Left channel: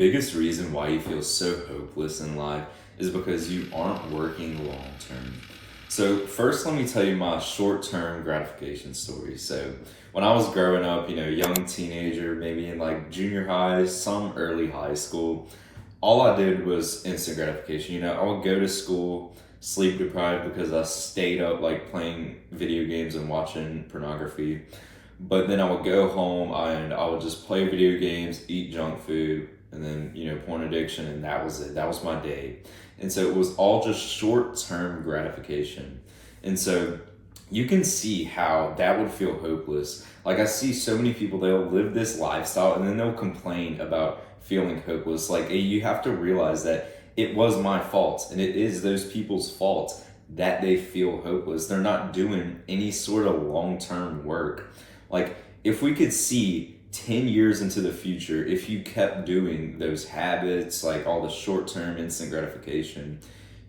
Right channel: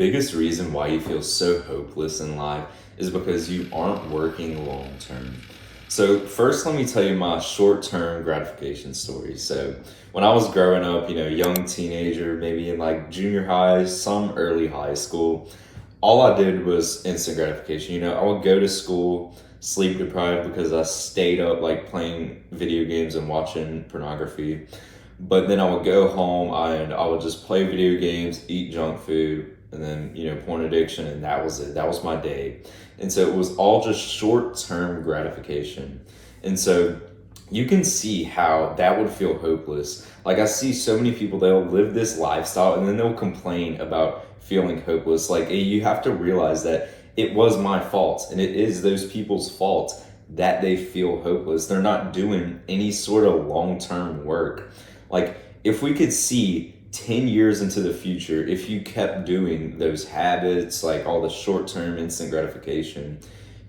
biggest reason why you feel so hopeless in life is because you aren't working long term. So, first, let me tell you my short term gratification story. So, when I was growing up, young teenager, maybe in like junior high, some early high school, all I did was instant gratification. I would go to school sleep deprived because I stayed up like playing video games and watching pornography. But then I would go home and I would just play video games, eat junk food, and then, porn addiction, and that was it. That was my day. And so it was all just short term gratification. And so you can see how that would feel hopeless. Like, I see so many people, they'll live this lifestyle and then they'll complain about feeling hopeless. Like, hey, you have to realize that it was my fault and it is those people's fault that they feel hopeless. They're not doing any sort of long term work. Like, if we could see 10 years into the future, if you kept doing those habits, like all the short term instant gratification,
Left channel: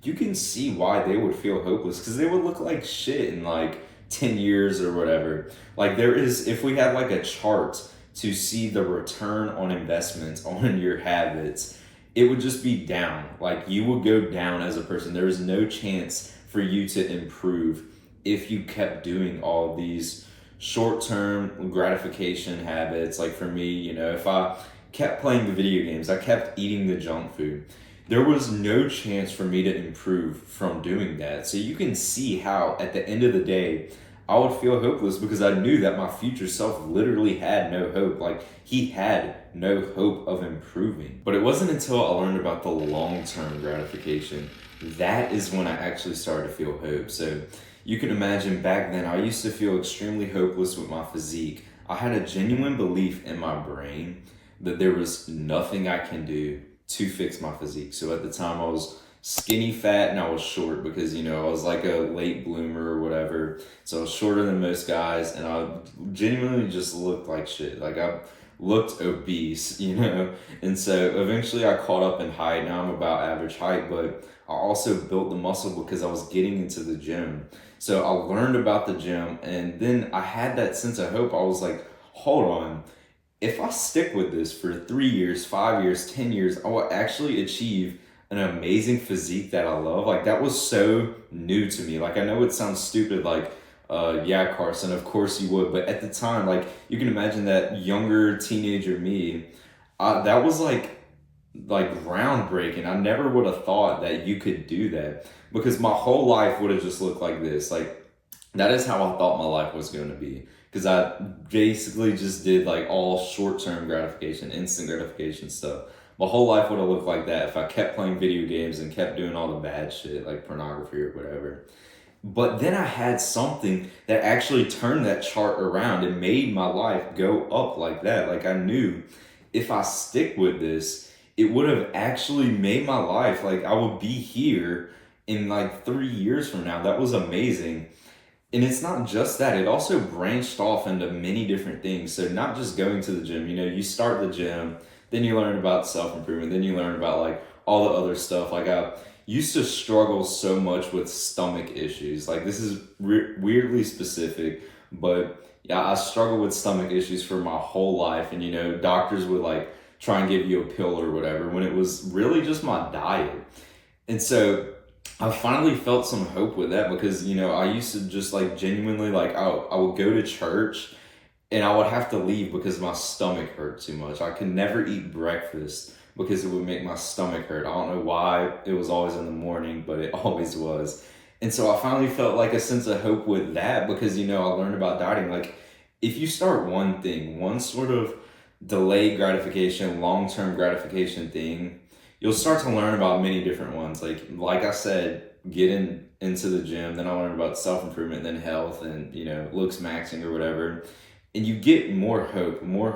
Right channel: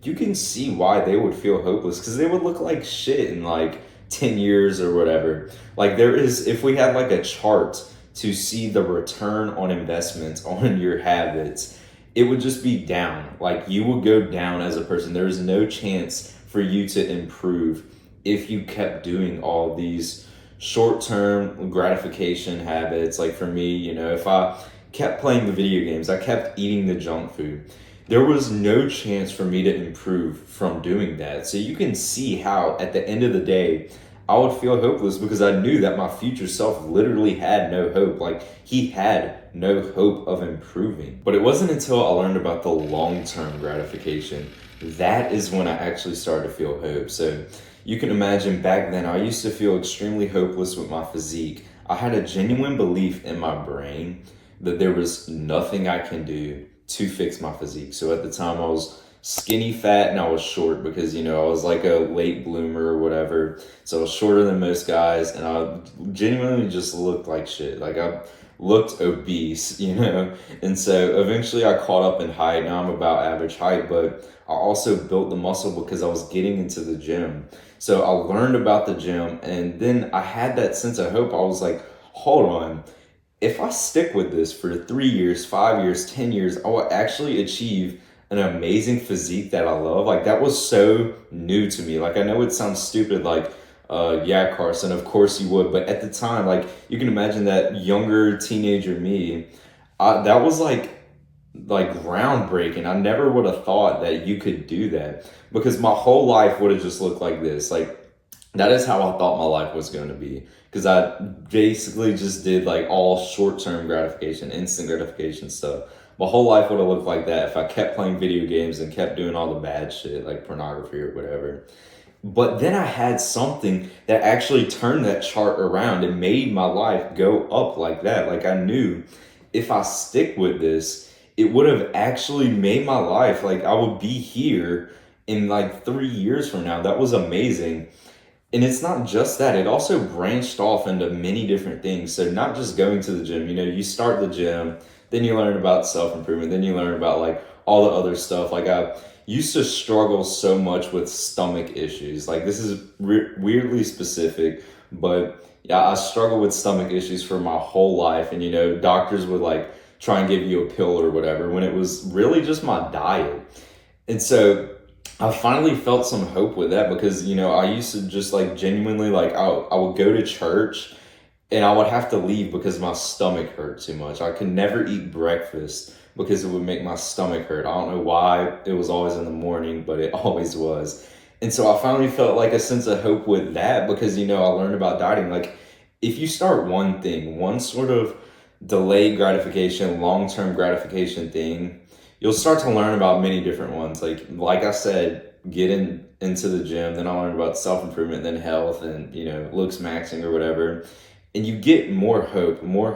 you can see why they would feel hopeless, because they would look like shit in like 10 years or whatever. Like, if we had like a chart to see the return on investment on your habits, it would just be down. Like, you would go down as a person. There is no chance for you to improve if you kept doing all these short-term gratification habits. Like, for me, if I kept playing the video games, I kept eating the junk food, there was no chance for me to improve from doing that. So you can see how at the end of the day, I would feel hopeless because I knew that my future self literally had no hope. Like, he had no hope of improving. But it wasn't until I learned about the long-term gratification, that is when I actually started to feel hope. So you can imagine back then, I used to feel extremely hopeless with my physique. I had a genuine belief in my brain that there was nothing I can do to fix my physique. So at the time, I was skinny fat and I was short because, I was like a late bloomer or whatever. So I was shorter than most guys and I genuinely just looked like shit. Like, I looked obese, And so eventually I caught up in height. Now I'm about average height, but I also built the muscle because I was getting into the gym. So I learned about the gym, and then I had that sense of hope. I was like, hold on, if I stick with this for 3 years, 5 years, 10 years, I will actually achieve an amazing physique that I love. Like, that was so new to me. Like, I know it sounds stupid, like, yeah, Carson, of course you would. But at the time, like, you can imagine that younger teenager me, that was like groundbreaking. I never would have thought that you could do that, because my whole life would have just looked like this. Like, that is how I thought my life was going to be, because I basically just did like all short-term gratification, instant gratification stuff. My whole life would have looked like that if I kept playing video games and kept doing all the bad shit like pornography or whatever. But then I had something that actually turned that chart around and made my life go up like that. Like, I knew if I stick with this, it would have actually made my life, like, I would be here in like 3 years from now. That was amazing. And it's not just that, it also branched off into many different things. So not just going to the gym, you start the gym, then you learn about self-improvement, then you learn about like all the other stuff. Like, I used to struggle so much with stomach issues. Like, this is weirdly specific, but yeah, I struggled with stomach issues for my whole life. And, doctors would like try and give you a pill or whatever when it was really just my diet. And so I finally felt some hope with that because, I used to just like genuinely, like, I would go to church and I would have to leave because my stomach hurt too much. I could never eat breakfast because it would make my stomach hurt. I don't know why it was always in the morning, but it always was. And so I finally felt like a sense of hope with that because, I learned about dieting. Like, if you start one thing, one sort of delayed gratification, long-term gratification thing, you'll start to learn about many different ones. Like I said, into the gym, then I learned about self-improvement, then health and, looks maxing or whatever. And you get more hope, more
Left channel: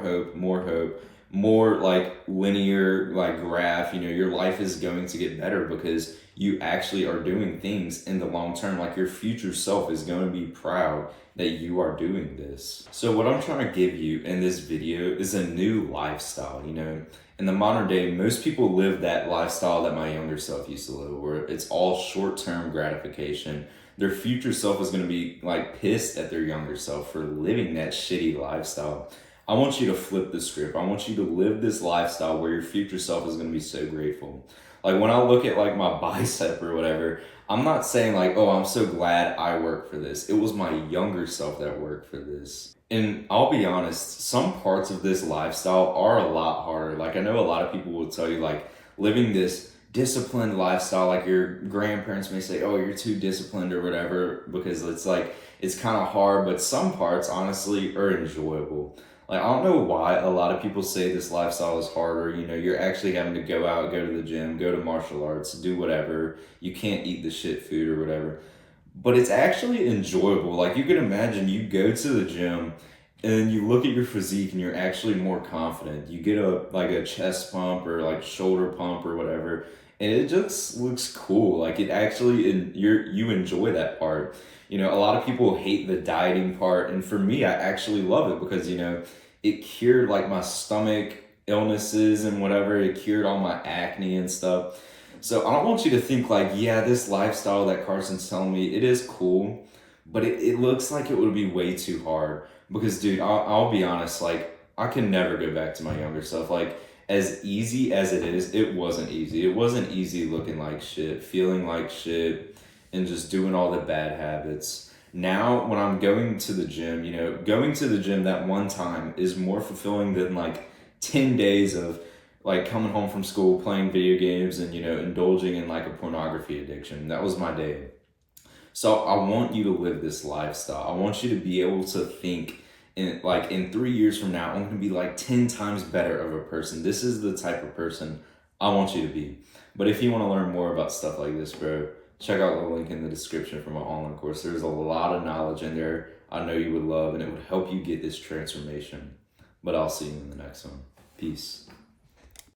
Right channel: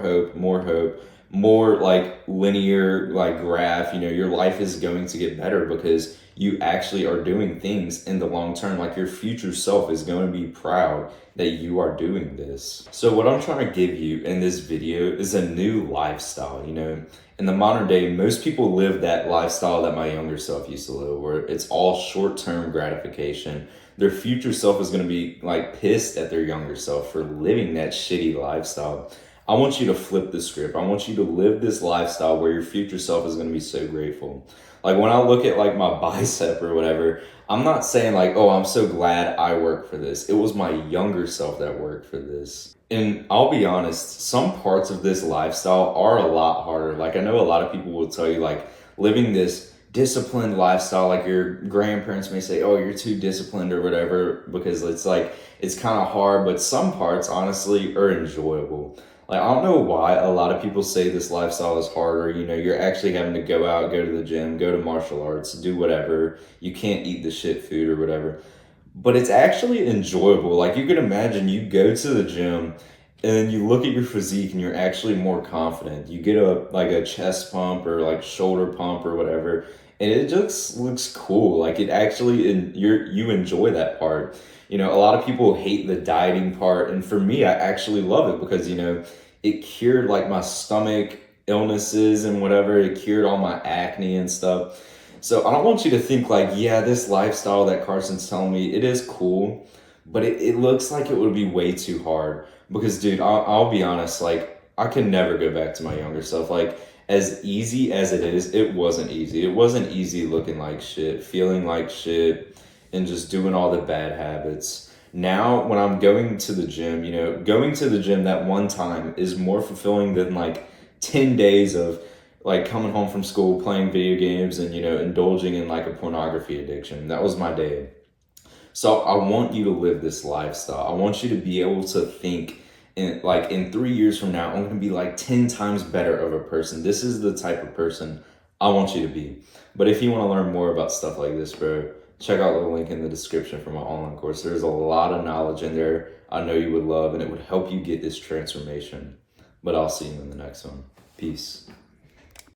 like linear, like graph, your life is going to get better because you actually are doing things in the long term. Like, your future self is going to be proud that you are doing this. So what I'm trying to give you in this video is a new lifestyle. In the modern day, most people live that lifestyle that my younger self used to live, where it's all short-term gratification. Their future self is going to be like pissed at their younger self for living that shitty lifestyle. I want you to flip the script. I want you to live this lifestyle where your future self is going to be so grateful. Like when I look at like my bicep or whatever, I'm not saying like, oh, I'm so glad I worked for this. It was my younger self that worked for this. And I'll be honest, some parts of this lifestyle are a lot harder. Like I know a lot of people will tell you like living this disciplined lifestyle, like your grandparents may say, oh, you're too disciplined or whatever, because it's like it's kind of hard, but some parts honestly are enjoyable. Like I don't know why a lot of people say this lifestyle is harder. You know, you're actually having to go out, go to the gym, go to martial arts, do whatever. You can't eat the shit food or whatever. But it's actually enjoyable. Like you can imagine you go to the gym and then you look at your physique and you're actually more confident. You get a like a chest pump or like shoulder pump or whatever, and it just looks cool. Like it actually you enjoy that part. You know, a lot of people hate the dieting part, and for me, I actually love it because you know it cured like my stomach illnesses and whatever. It cured all my acne and stuff. So I don't want you to think like, yeah, this lifestyle that Carson's telling me, it is cool, but it looks like it would be way too hard. Because dude, I'll be honest, like I can never go back to my younger self. Like as easy as it is, it wasn't easy. It wasn't easy looking like shit, feeling like shit, and just doing all the bad habits. Now when I'm going to the gym, you know, going to the gym that one time is more fulfilling than like 10 days of like coming home from school, playing video games, and you know, indulging in like a pornography addiction. That was my day. So I want you to live this lifestyle. I want you to be able to think in 3 years from now, I'm gonna be like 10 times better of a person. This is the type of person I want you to be. But if you want to learn more about stuff like this, bro, check out the link in the description for my online course. There's a lot of knowledge in there I know you would love, and it would help you get this transformation. But I'll see you in the next one. Peace.